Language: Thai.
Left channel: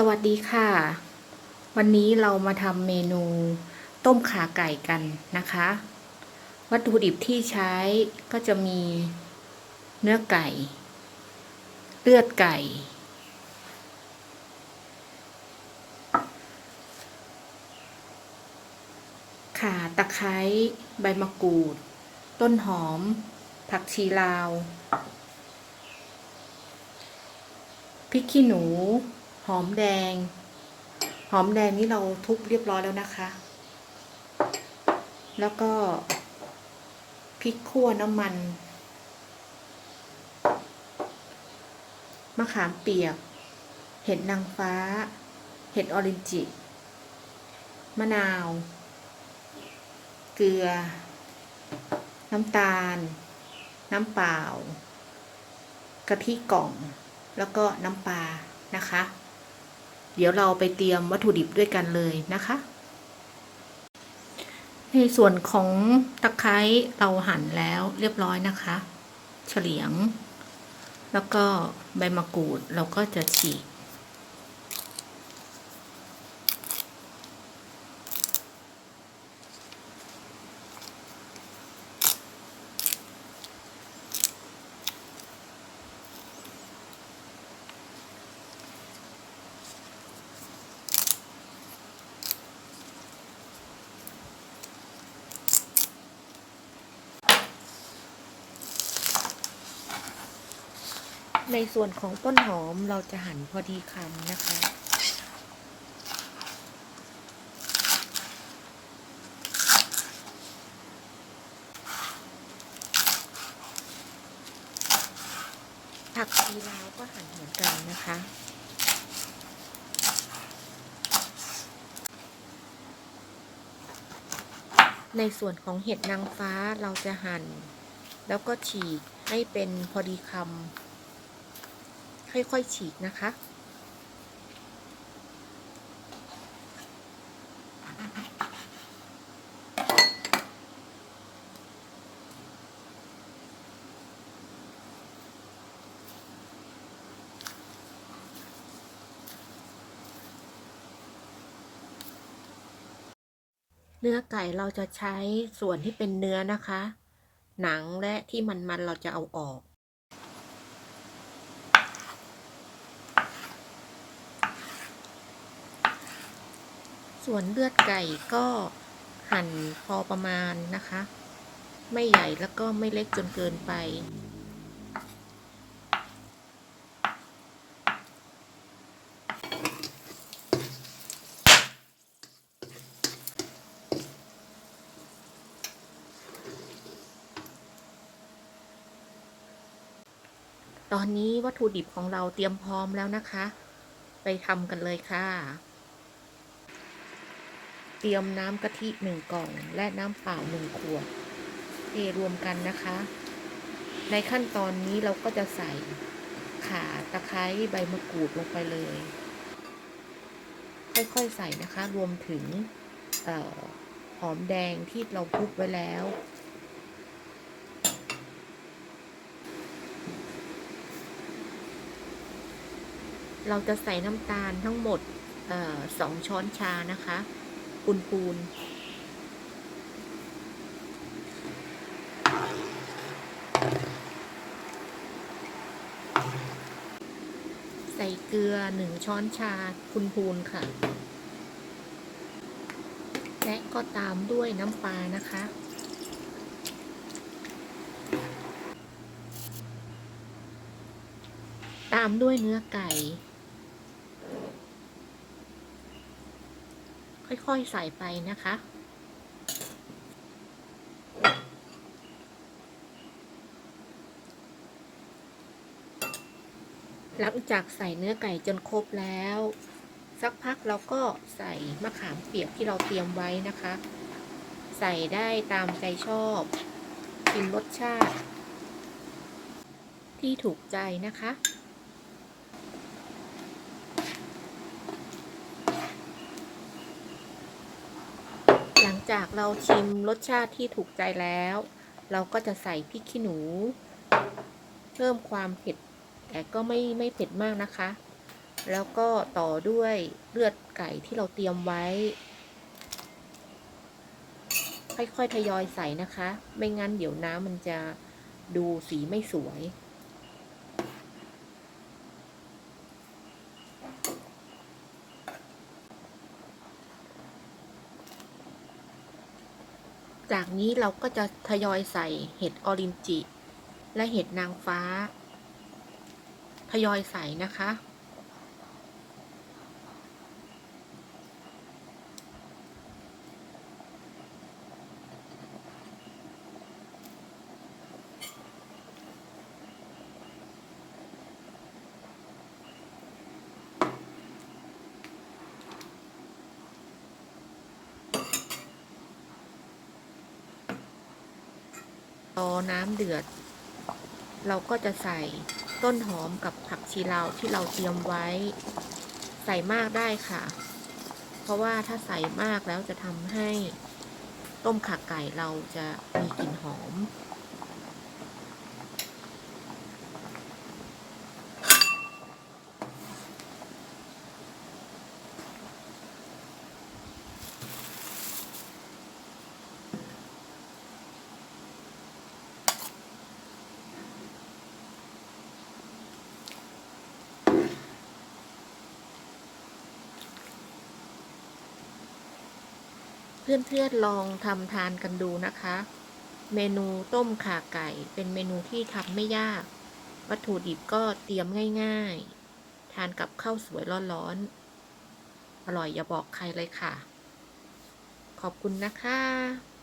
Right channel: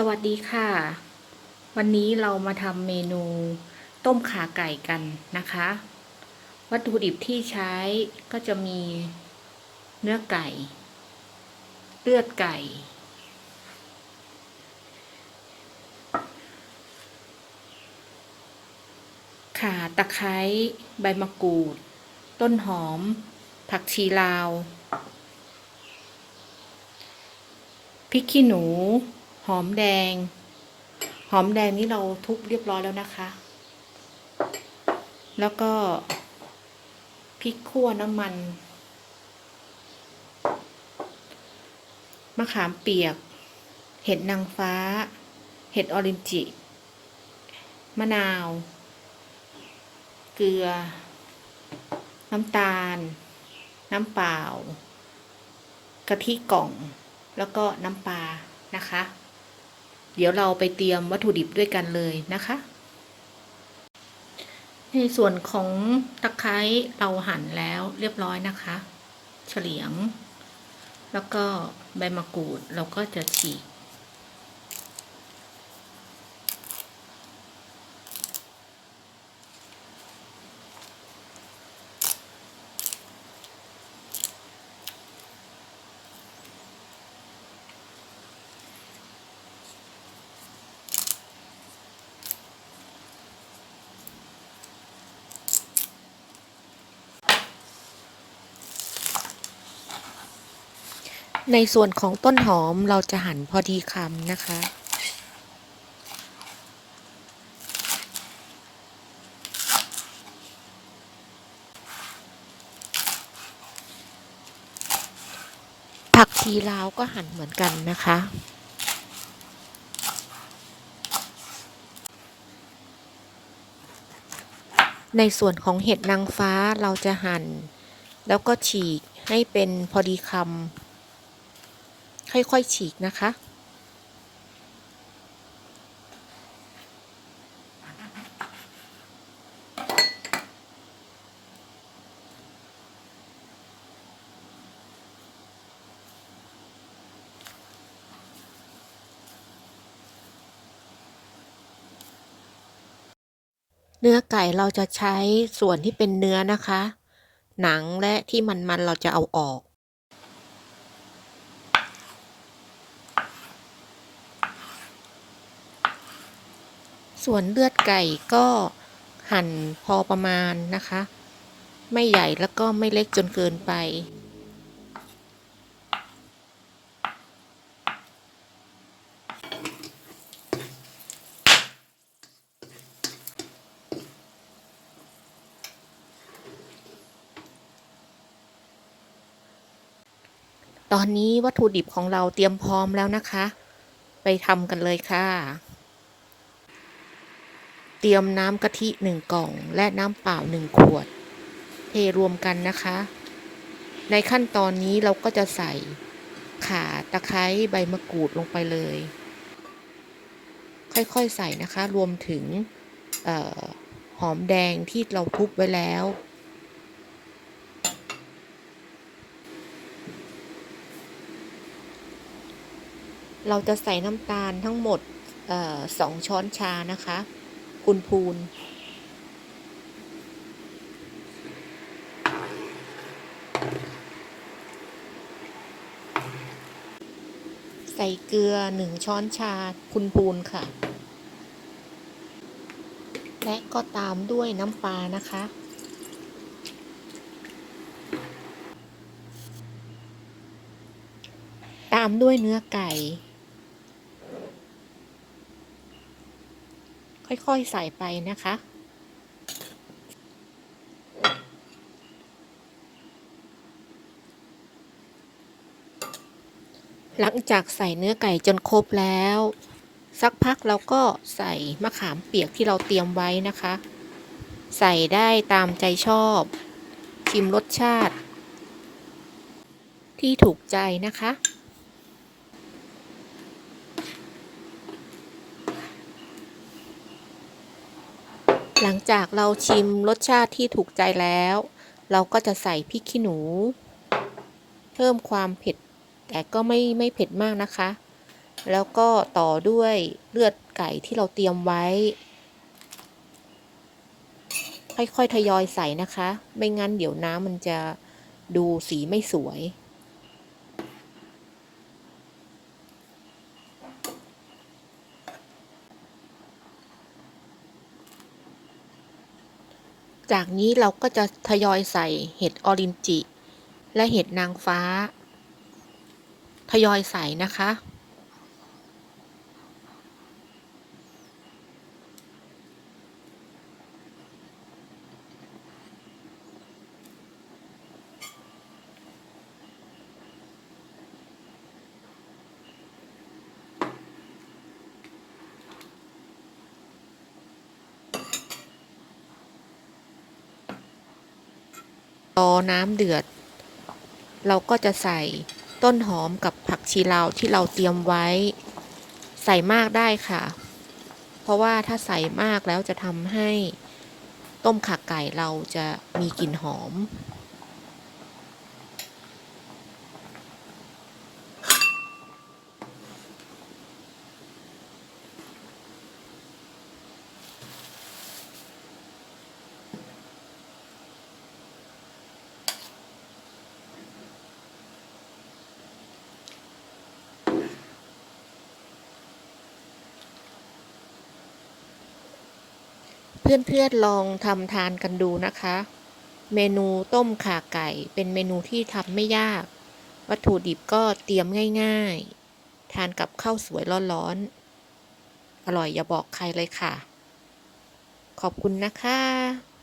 สวัสดีค่ะ วันนี้เรามาทำเมนูต้มขาไก่กันนะคะ วัตถุดิบที่ใช้ก็จะมีเนื้อไก่ เลือดไก่ ข่าตะไคร้ใบมะกรูด ต้นหอม ผักชีลาว พริกขี้หนู หอมแดง หอมแดงนี่เราทุบเรียบร้อยแล้วนะคะ แล้วก็พริกขั่วน้ำมัน มะขามเปียก เห็ดนางฟ้า เห็ดออรินจิ มะนาว เกลือ น้ำตาล น้ำเปล่า กะทิกล่อง แล้วก็น้ำปลานะคะ เดี๋ยวเราไปเตรียมวัตถุดิบด้วยกันเลยนะคะ ในส่วนของตะไคร้เราหั่นแล้วเรียบร้อยนะคะ เฉลียง แล้วก็ใบมะกรูดเราก็จะฉีก ในส่วนของต้นหอมเราจะหั่นพอดีคำนะคะ ผักชีลาวก็หั่นเหมือนกันนะคะในส่วนของเห็ดนางฟ้าเราจะหั่น แล้วก็ฉีกให้เป็นพอดีคำ ค่อย ๆ ฉีกนะคะ เนื้อไก่เราจะใช้ส่วนที่เป็นเนื้อนะคะ หนังและที่มันๆเราจะเอาออก ส่วนเลือดไก่ก็หั่นพอประมาณนะคะ ไม่ใหญ่แล้วก็ไม่เล็กจนเกินไป ตอนนี้วัตถุดิบของเราเตรียมพร้อมแล้วนะคะ ไปทำกันเลยค่ะ รียมน้ำกะทิหนึ่งกล่อง และน้ำเปล่าหนึ่งขวด เทรวมกันนะคะ ในขั้นตอนนี้เราก็จะใส่ข่าตะไคร้ใบมะกรูดลงไปเลย ค่อยๆใส่นะคะ รวมถึงออหอมแดงที่เราทุบไว้แล้ว เราจะใส่น้ำตาลทั้งหมดสองช้อนชานะคะ พูนพูนใส่เกลือหนึ่งช้อนชาพูนพูนค่ะ และก็ตามด้วยน้ำปลานะคะ ตามด้วยเนื้อไก่ ค่อยๆใส่ไปนะคะหลังจากใส่เนื้อไก่จนครบแล้ว สักพักเราก็ใส่มะขามเปียกที่เราเตรียมไว้นะคะ ใส่ได้ตามใจชอบชิมรสชาติ ที่ถูกใจนะคะ หลังจากเราชิมรสชาติที่ถูกใจแล้ว เราก็จะใส่พริกขี้หนู เพิ่มความเผ็ด แต่ก็ไม่ไม่เผ็ดมากนะคะ แล้วก็ต่อด้วยเลือดไก่ที่เราเตรียมไว้ ค่อยๆทยอยใส่นะคะ ไม่งั้นเดี๋ยวน้ำมันจะดูสีไม่สวย จากนี้เราก็จะทยอยใส่เห็ดออรินจิ และเห็ดนางฟ้า ทยอยใส่นะคะ รอน้ำเดือด เราก็จะใส่ต้นหอมกับผักชีลาวที่เราเตรียมไว้ ใส่มากได้ค่ะ เพราะว่าถ้าใส่มากแล้วจะทำให้ต้มขาไก่เราจะมีกลิ่นหอม เพื่อนๆลองทำทานกันดูนะคะ เมนูต้มข่าไก่เป็นเมนูที่ทำไม่ยาก วัตถุดิบก็เตรียมง่ายๆ ทานกับข้าวสวยร้อนๆ อร่อยอย่าบอกใครเลยค่ะ ขอบคุณนะคะ